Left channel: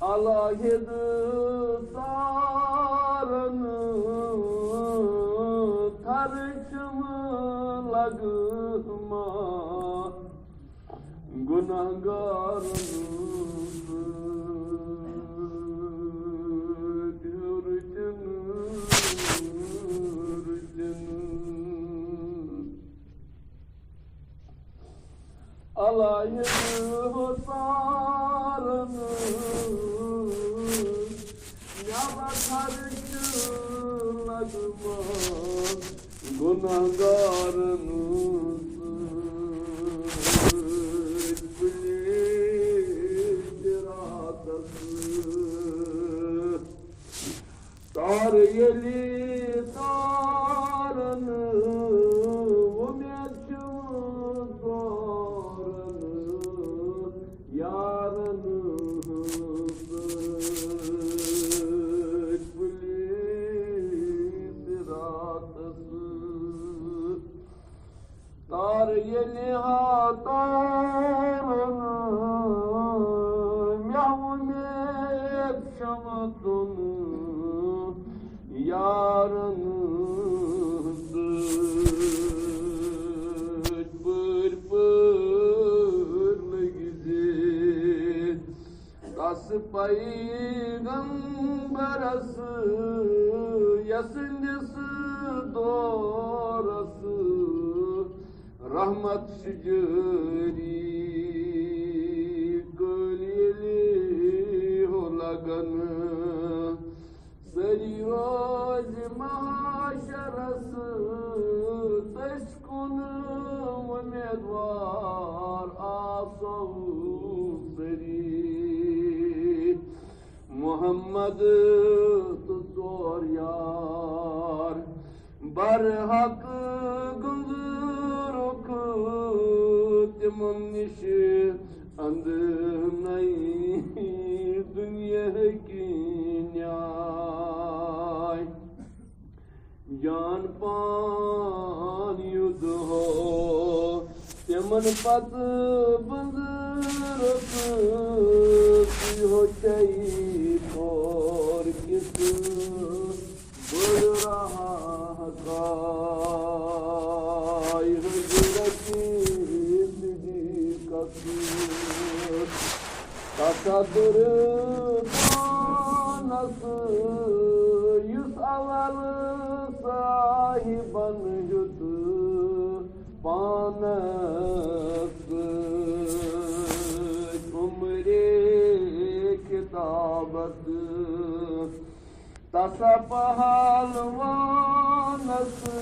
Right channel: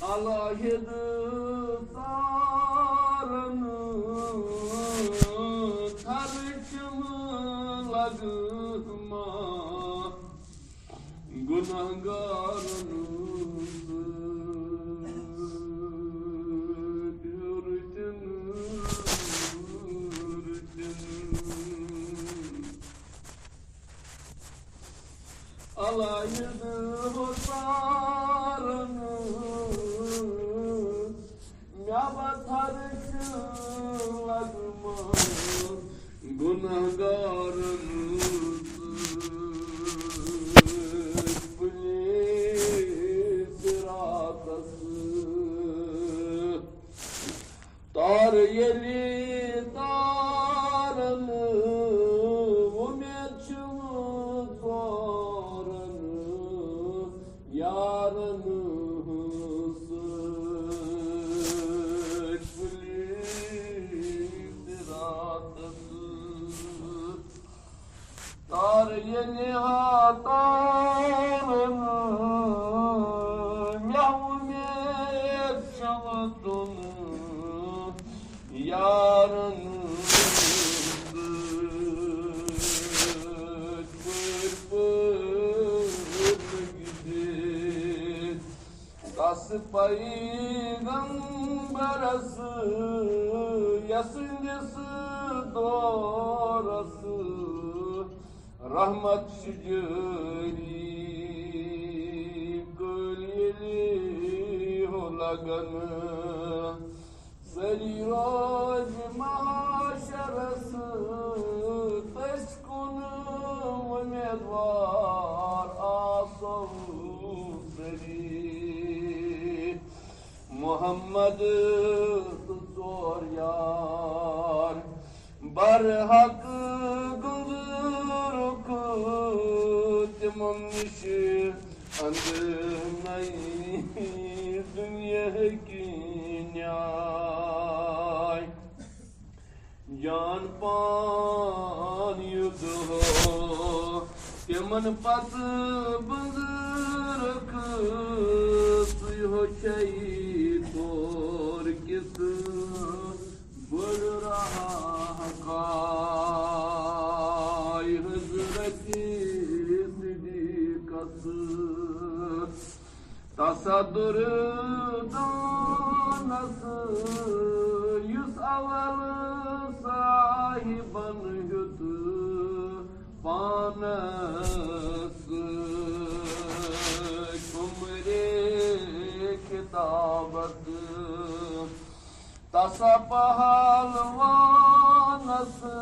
Alaydı sarını tarçımı lagıma günahgarını alaydı sarını günahkarınız siratası dar yeli darını umutçumuz doğranı yarını dar yeni hatanını mevmet şamatını yarınızdır pırpırlı gidir kası peygamberası yasıncısı doğrası rahmat şüceri gölgeli holaganı serirac maşarası teşkunu umedvar asavu seri Muhammed'ı tutur yar bar hakkı gündür okudum nişi andımay dünya kinyay can pan yudu keman pat bundur okudum hoçay kor kisu bol raha gay hızreti sidikatı tasadırı donası yüz avalı sahiban yudu panası kumri kitabatı tasa pahalvanası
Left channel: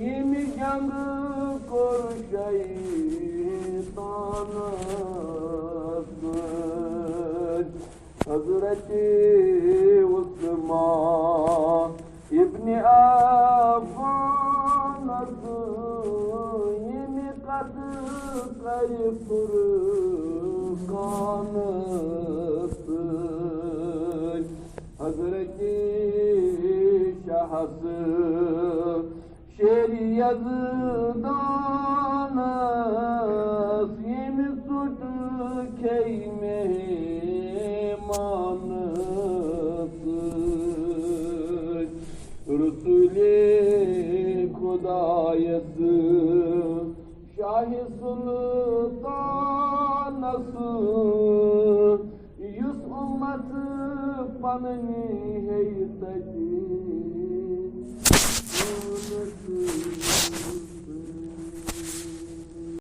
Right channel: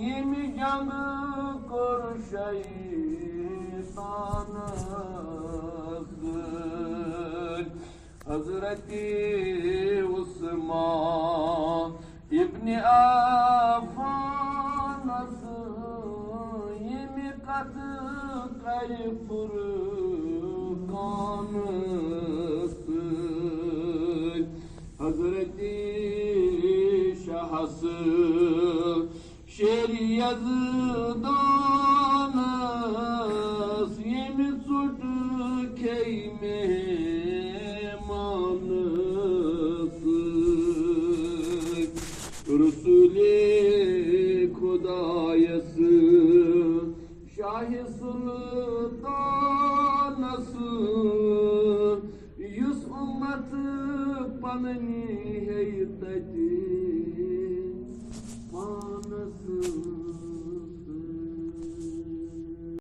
yemi canı kor şeytanası Hazreti Osman İbni Affanası yemi katı kayıpırı kanısı Hazreti Şahası şeriyazıdanas yemi sutu keymemanısı Resul-i Kudayası Şah-ı Sultanası yüz ümmet panı heybeti